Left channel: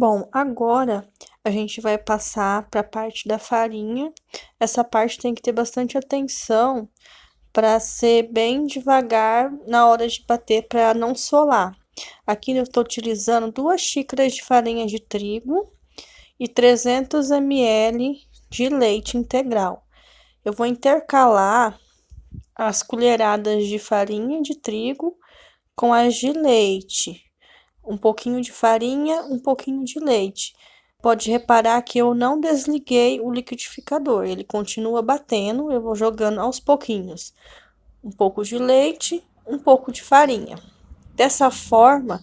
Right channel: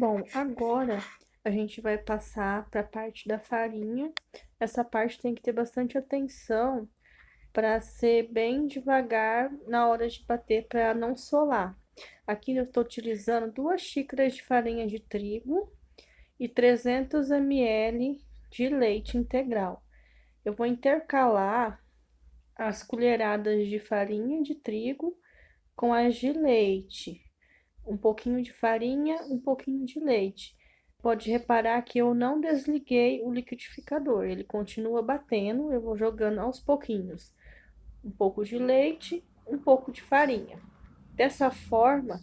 Bom, agora a gente vai passar para a parte da farinha. Essa parte tem que ter bastante atenção para ser bem devagar na hora de bater para não solar. Aqui eu estou utilizando 2 xícaras de farinha de trigo e 300 ml de leite integral. Eu vou intercalar as colheradas de farinha de trigo com as de leite. Um pouquinho de farinha, um pouquinho de leite. Pode reparar que eu não desliguei o liquidificador, ele continua batendo, eu vou jogando aos pouquinhos. Um pouco de leite, um pouco de farinha. Dessa forma,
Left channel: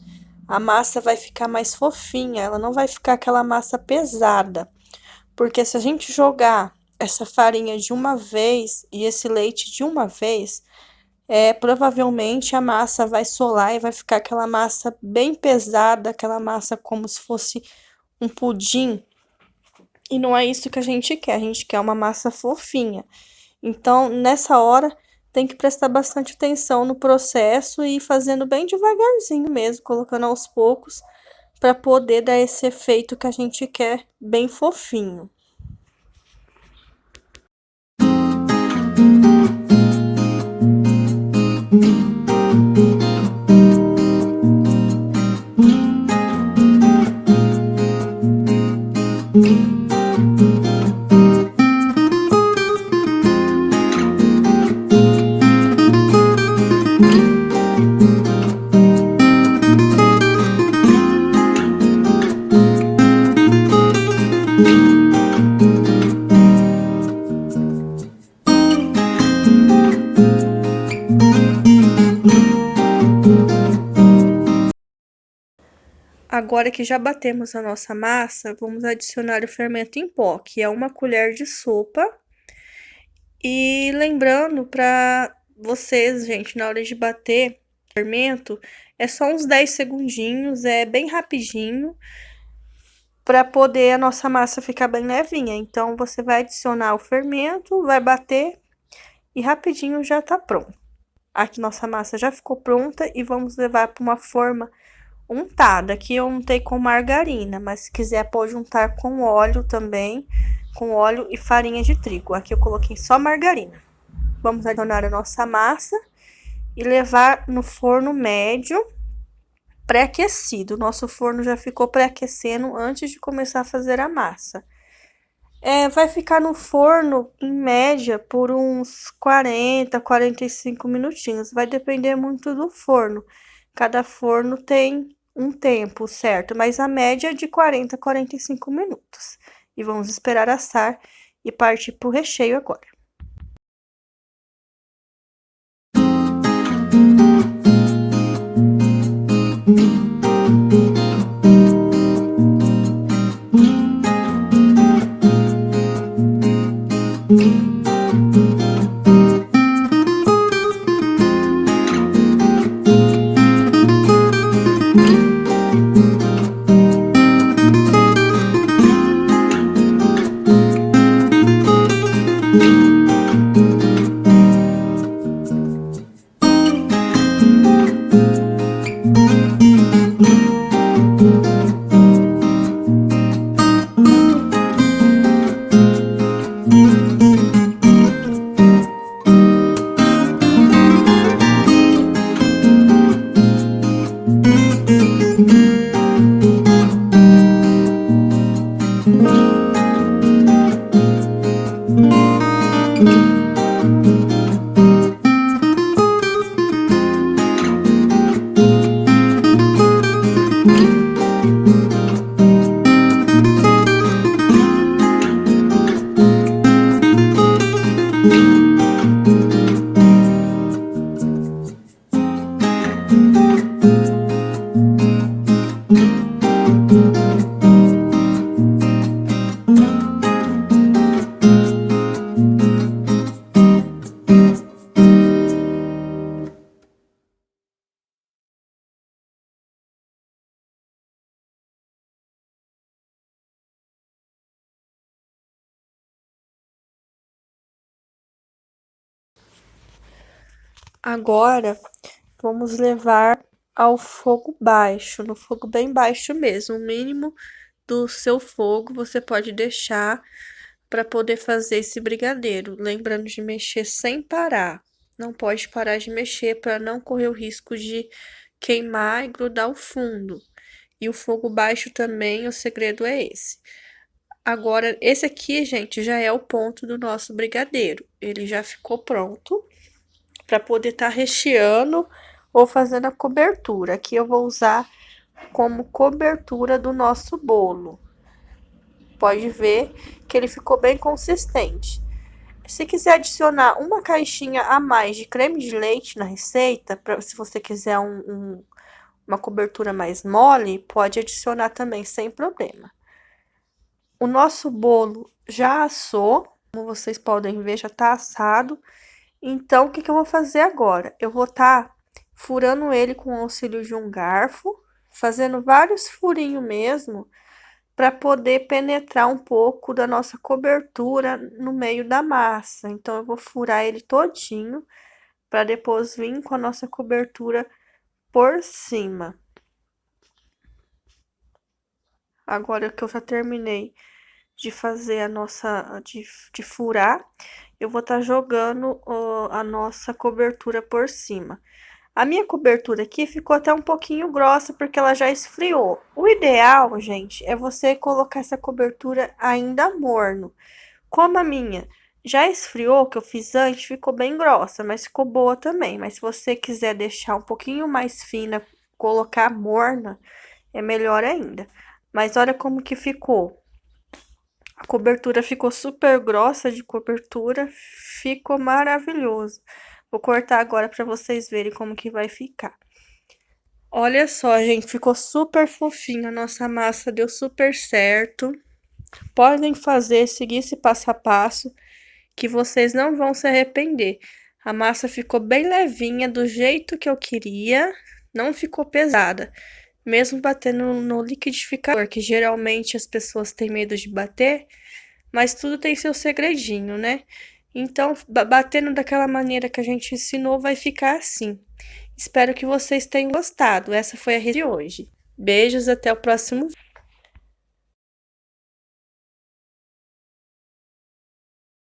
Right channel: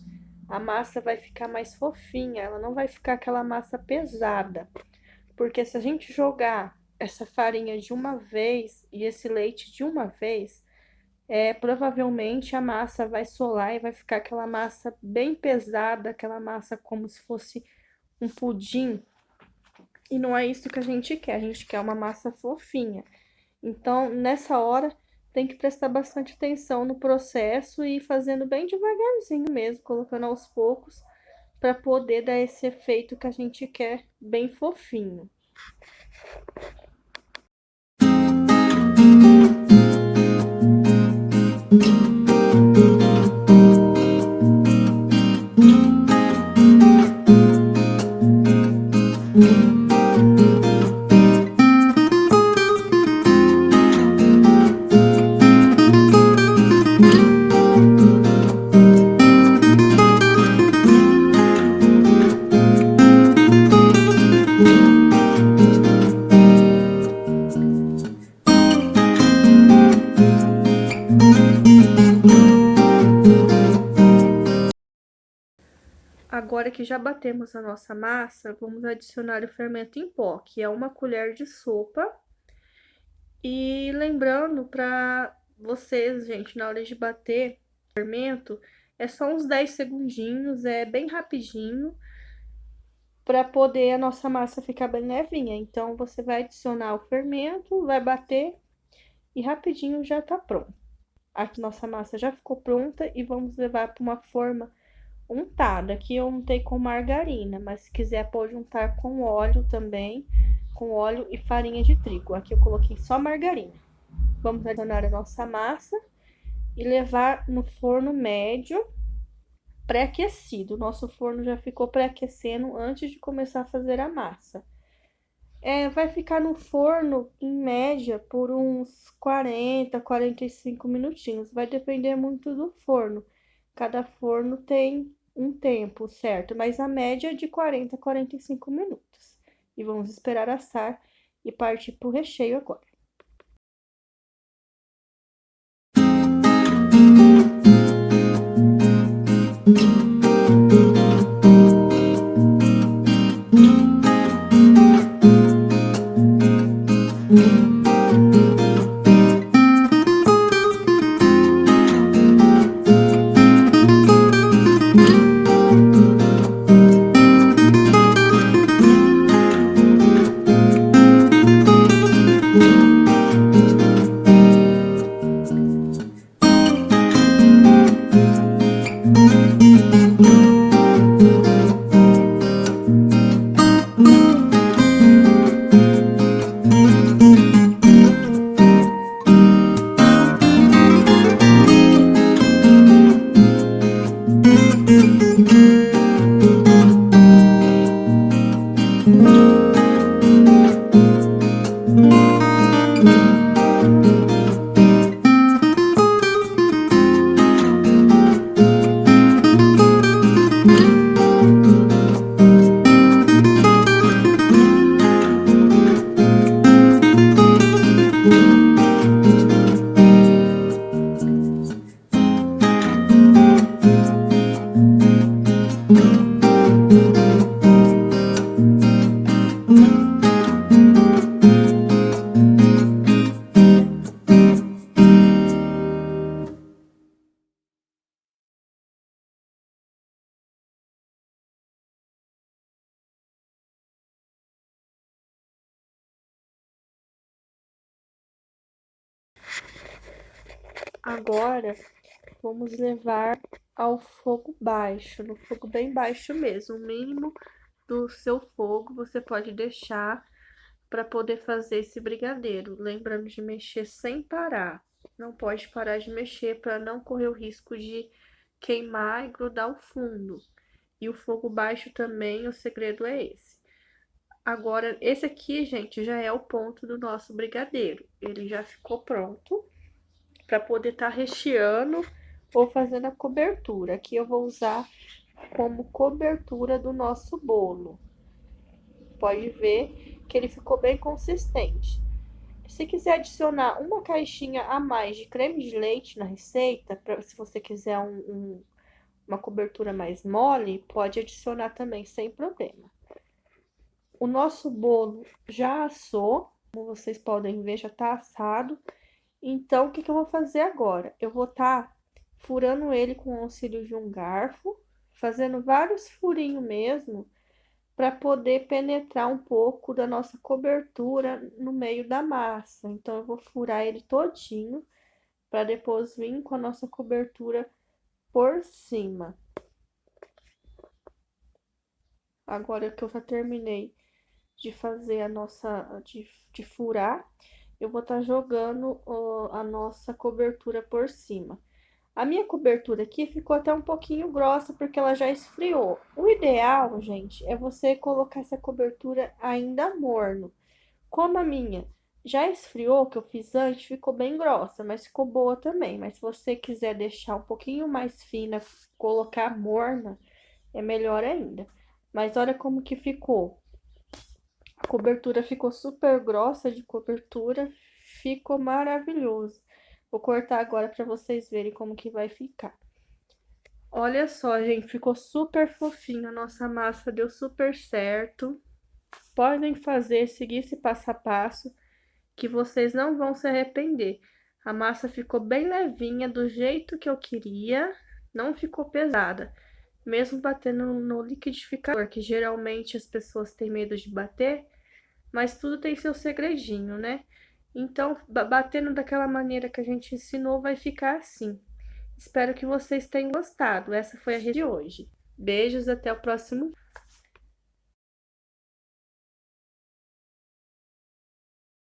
a massa vai ficar mais fofinha, ela não vai ficar aquela massa pesada. Porque se a gente jogar essa farinha de uma vez e esse leite de uma vez, provavelmente a massa vai solar e vai ficar aquela massa bem pesada, aquela massa como se fosse um pudim. E não é isso que a gente quer uma massa fofinha. Então, nessa hora, tem que prestar bastante atenção no processo e ir fazendo bem devagarzinho mesmo, colocando aos poucos, para poder dar esse efeito que a gente quer bem fofinho. Agora que já batemos a nossa massa, vamos adicionar o fermento em pó, que é 1 colher de sopa. E lembrando para vocês, gente, na hora de bater o fermento, é só uns 10 segundinhos, é bem rapidinho, para poder a nossa massa ficar bem levinha. Então, você vai adicionar o fermento, vai bater e rapidinho já tá pronto. Aqui nossa massa já ficou pronta e vamos levar para uma forma untada. Aqui eu untei com margarina, mas se quiser pode untar com óleo também, com óleo e farinha de trigo. Aqui eu coloquei só margarina. Vamos adicionar a nossa massa e levar no forno médio pré-aquecido. Nosso forno já ficou pré-aquecendo antes de começar a fazer a massa. Vai ficar no forno, em média, por uns 45 minutinhos. Vai depender muito do forno. Cada forno tem um tempo certo, mas a média é de 45 minutos. E vamos esperar assar e partir para o recheio agora. Agora, vamos levar ao fogo baixo, no fogo bem baixo mesmo. O mínimo do seu fogo você pode deixar para poder fazer esse brigadeiro. Lembrando de mexer sem parar. Não pode parar de mexer para não correr o risco de queimar e grudar o fundo. E o fogo baixo também, o segredo é esse. Agora, esse aqui, gente, já é o ponto do nosso brigadeiro. Ele já ficou pronto para poder estar recheando ou fazendo a cobertura. Aqui eu vou usar como cobertura do nosso bolo. Pode ver que ele ficou bem consistente. Se quiser adicionar uma caixinha a mais de creme de leite na receita, se você quiser uma cobertura mais mole, pode adicionar também sem problema. O nosso bolo já assou, como vocês podem ver, já tá assado. Então, o que eu vou fazer agora? Eu vou estar furando ele com o auxílio de um garfo, fazendo vários furinhos mesmo, para poder penetrar um pouco da nossa cobertura no meio da massa. Então, eu vou furar ele todinho, para depois vir com a nossa cobertura por cima. Agora que eu já terminei de fazer a nossa, de furar, eu vou estar jogando a nossa cobertura por cima. A minha cobertura aqui ficou até um pouquinho grossa, porque ela já esfriou. O ideal, gente, é você colocar essa cobertura ainda morno. Como a minha já esfriou, que eu fiz antes, ficou bem grossa, mas ficou boa também. Mas se você quiser deixar um pouquinho mais fina, colocar morna, é melhor ainda. Mas olha como que ficou. A cobertura ficou super grossa de cobertura, ficou maravilhoso. Vou cortar agora para vocês verem como que vai ficar. Olha só, gente, ficou super fofinho, a nossa massa deu super certo. Podem fazer, seguir esse passo a passo, que vocês não vão se arrepender. A massa ficou bem levinha, do jeito que eu queria, não ficou pesada. Mesmo batendo no liquidificador, que geralmente as pessoas têm medo de bater, mas tudo tem seu segredinho, né? Então, batendo daquela maneira que a gente ensinou, vai ficar assim. Espero que vocês tenham gostado. Essa foi a receita de hoje. Beijos, até o próximo vídeo.